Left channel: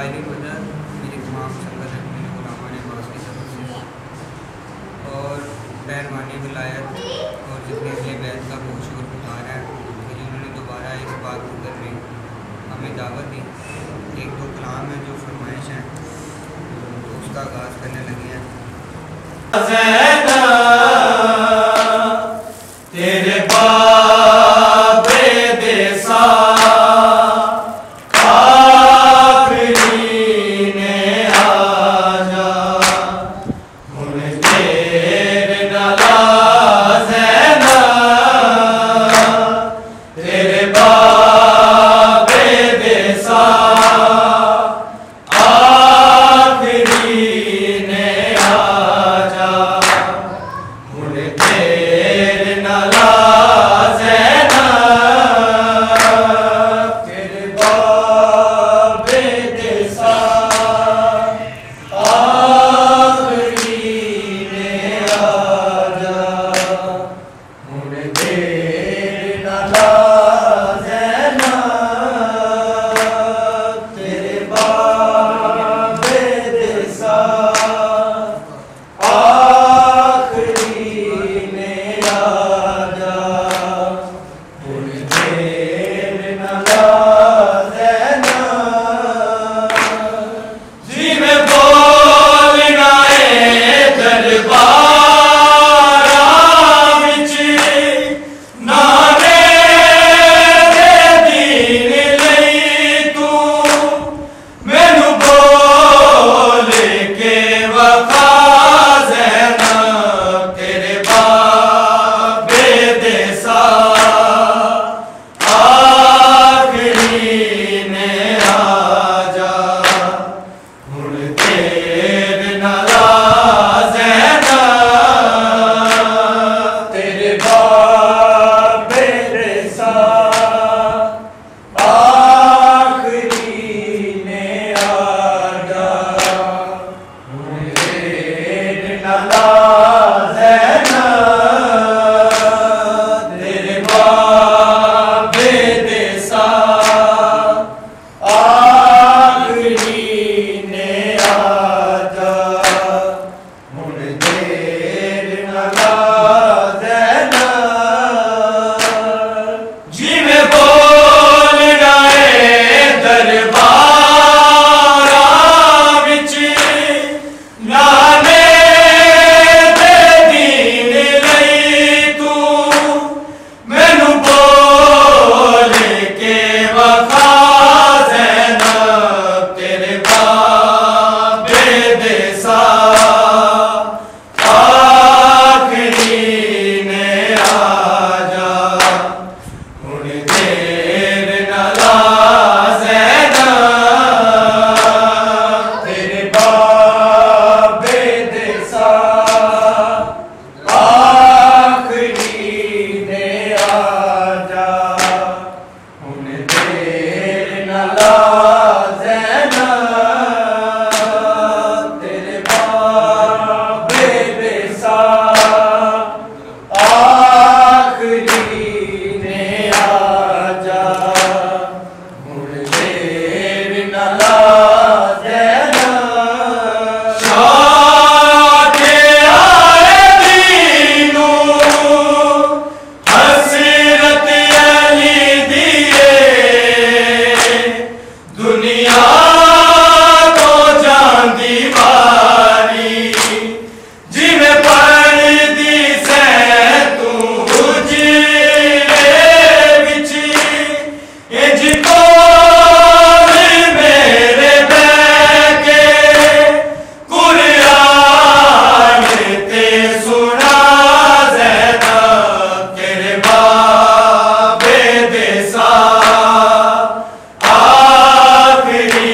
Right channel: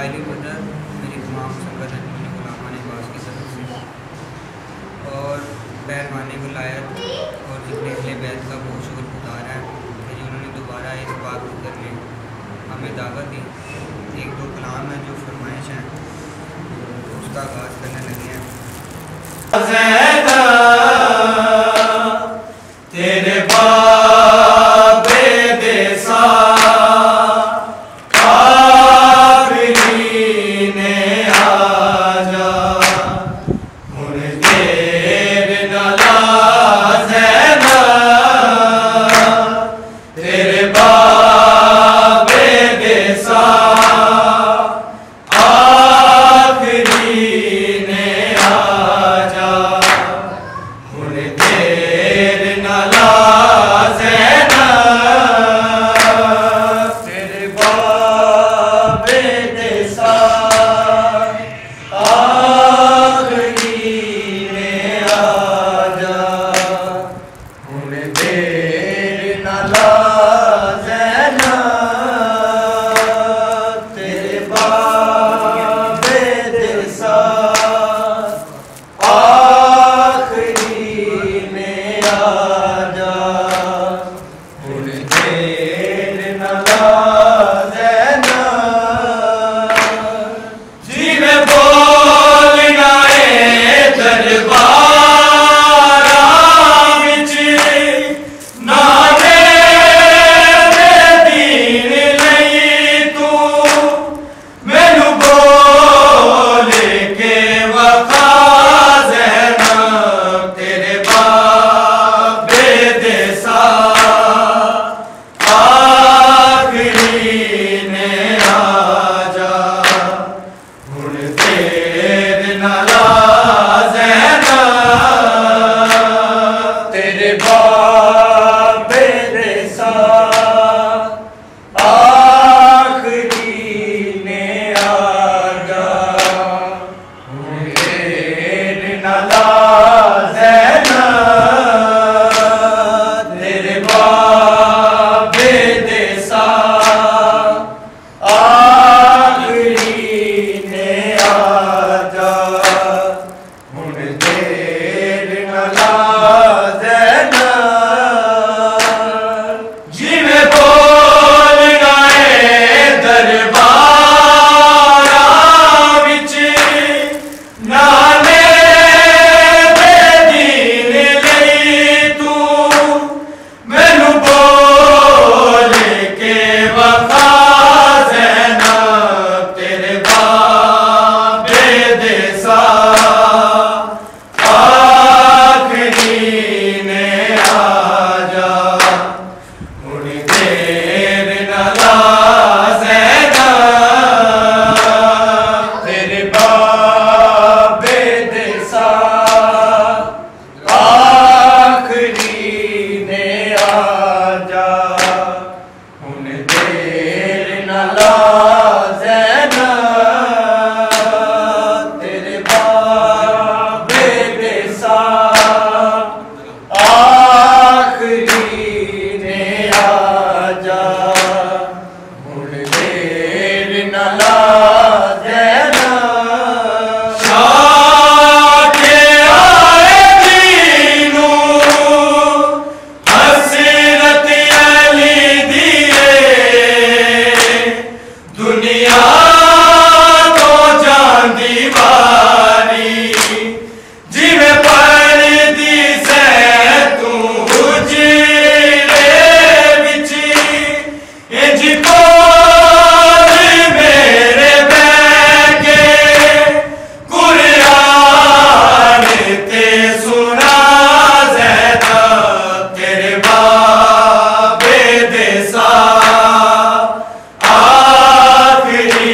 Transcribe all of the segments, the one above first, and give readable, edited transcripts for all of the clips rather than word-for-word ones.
लाइली मदद मेरी तमाम संगत मेरे गुलामान बास की तरफ से और बैरवान विलायत और जितने अहले बैत का बहुत शुक्रगुजार है कि उन्होंने दोबारा इस बात को करने हमें दावत दी। एक दो कलाम है जो फरमाइश हैं तो उसका आगाज़ करने लगे हैं। तेरे बाबे देसा आखिरी ने आजा मुन तेरे नालाज है ना तेरे बाबे देसा आखिरी ने आजा मुन तेरे नालाज है ना तेरे बाबे देसा आखिरी ने आजा मुन तेरे नालाज है ना तेरे बाबे देसा आखिरी ने आजा मुन तेरे नालाज है ना जिवे बोलना है दरबारा विच ना मेरे दीन लई तू मैनू बोल के वफा ज़ैनब तेरे बाबे देसा आखिरी ने आजा मुन तेरे नालाज है ना तेरे बाबे देसा आखिरी ने आजा मुन तेरे नालाज है ना तेरे बाबे देसा आखिरी ने आजा मुन तेरे नालाज है ना जिवे बोलना है दरबारा विच ना मेरे दीन लई तू मैनू बोल के वफा ज़ैनब तेरे बाबे देसा आखिरी ने आजा मुन तेरे नालाज है ना तेरे बाबे देसा आखिरी ने आजा मुन तेरे नालाज है ना तेरे बाबे देसा आखिरी ने आजा मुन तेरे नालाज है ना शाके आए दीनू हसरत अली दिए दुनिया तो जांदी वारी जिवे पढ़दी सै तू हुजरे विच इंज कोल मेरे बैके कुरान ते सुना ज़ैनब तेरे बाबे देसा आखिरी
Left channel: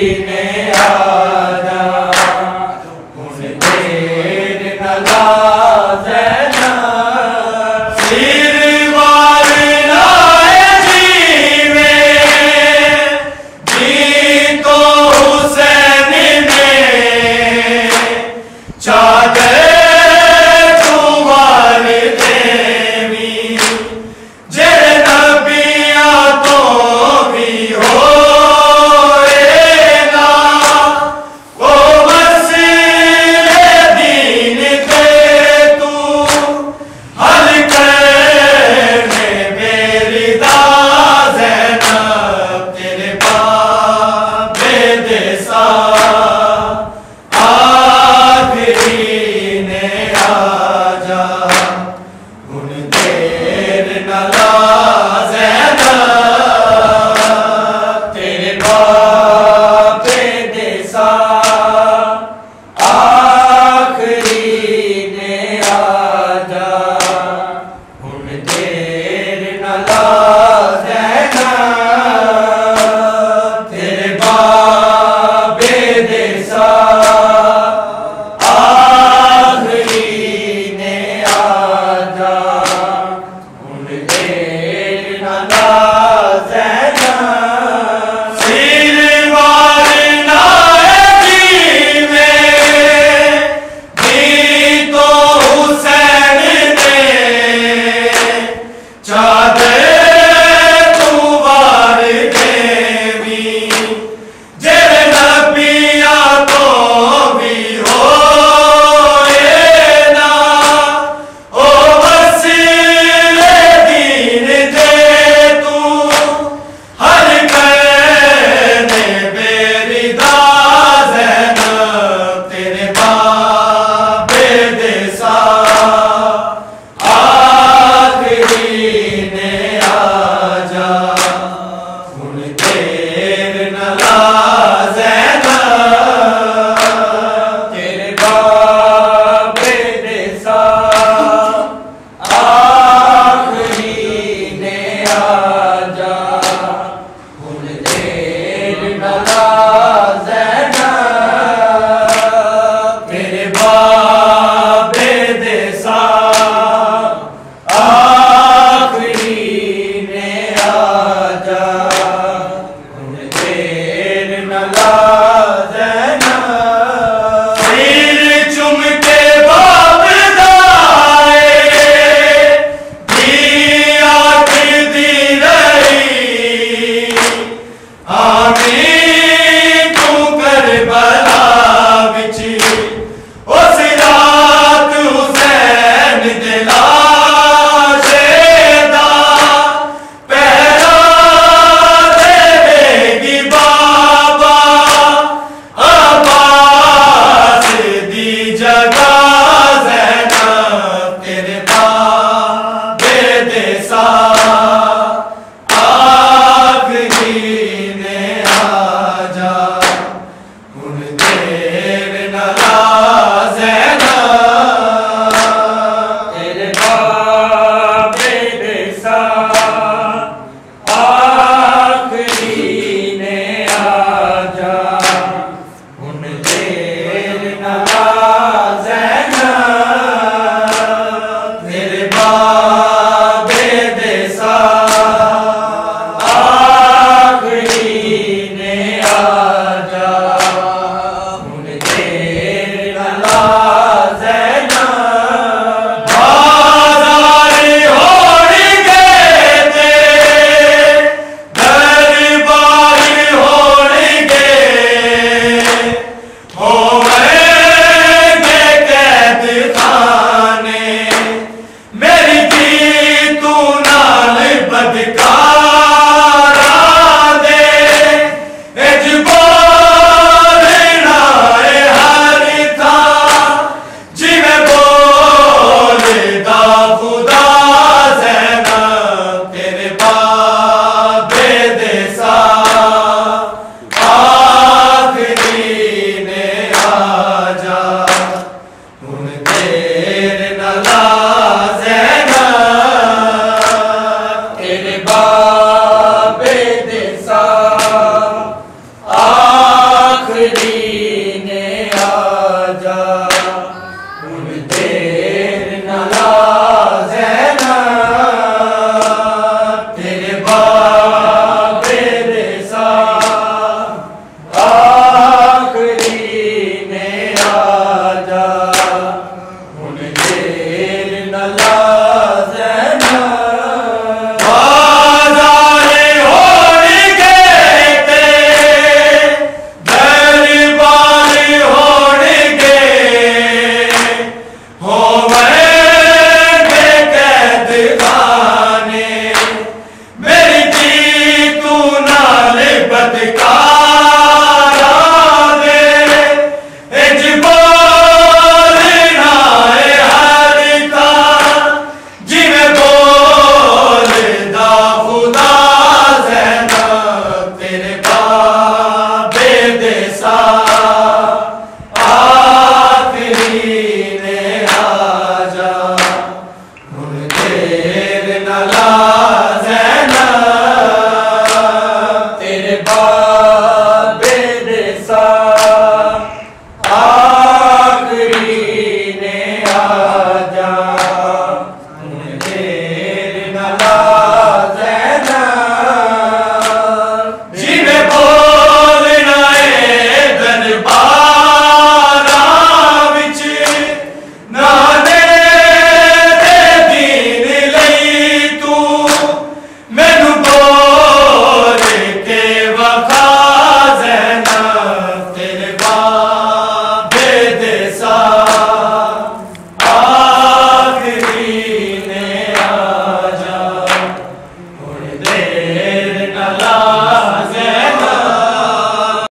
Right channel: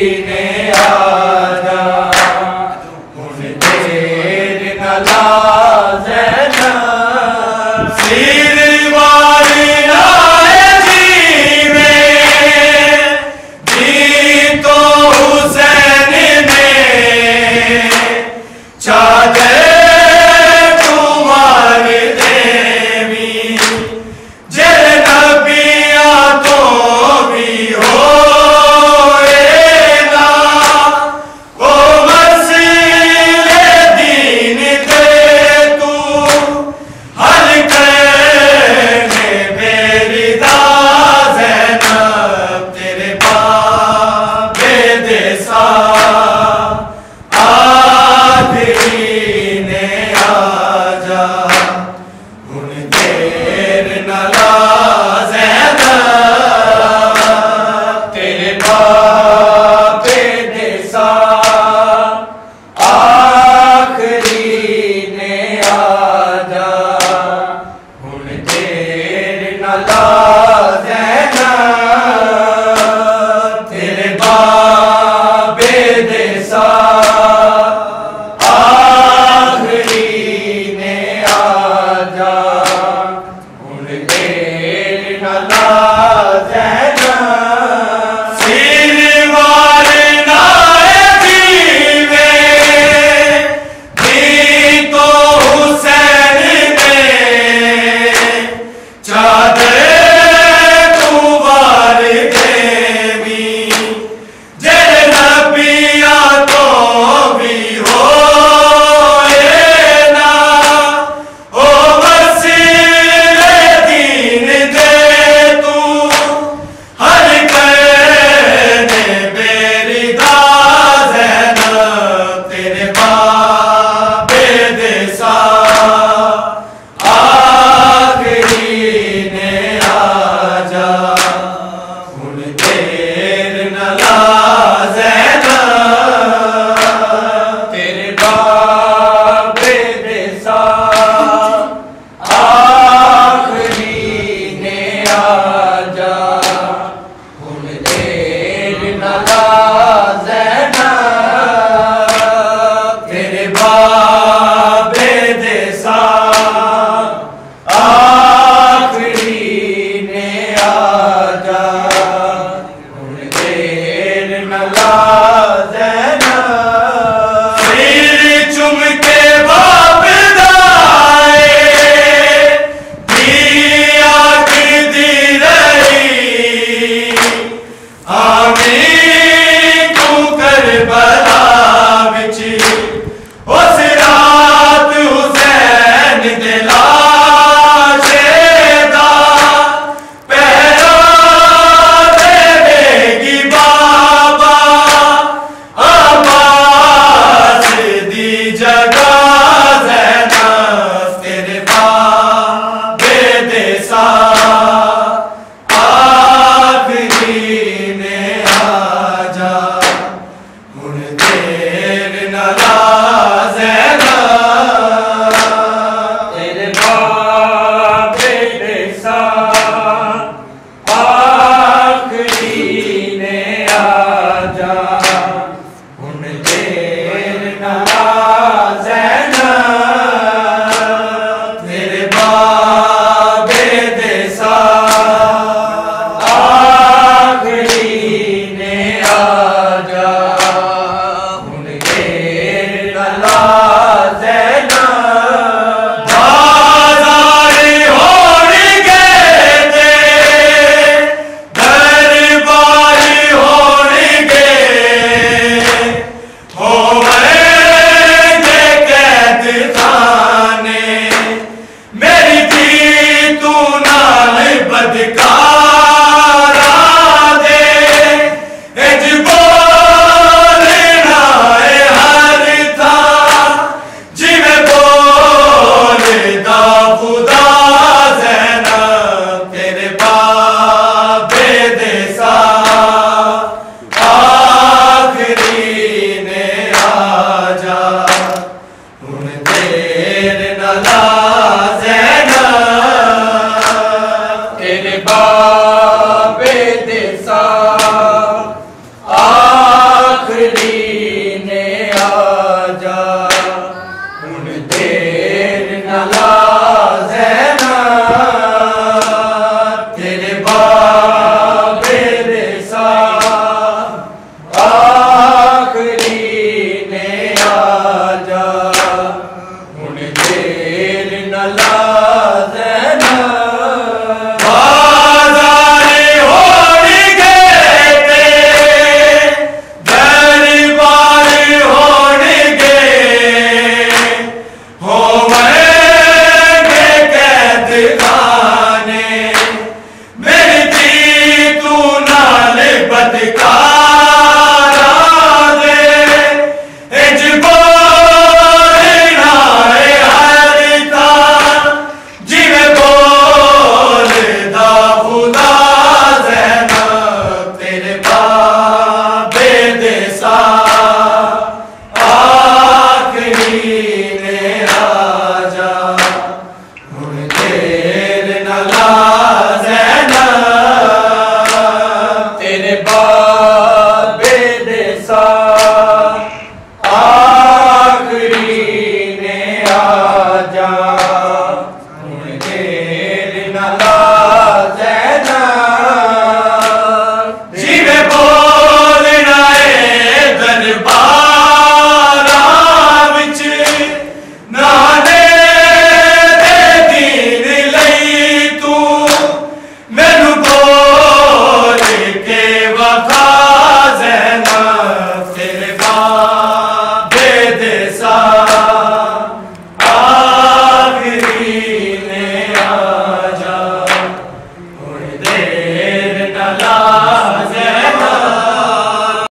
ने आजा हुन देर न ला ज़ैनब सिर वार लाए जीवे जी तो हुसैन ने चादर सा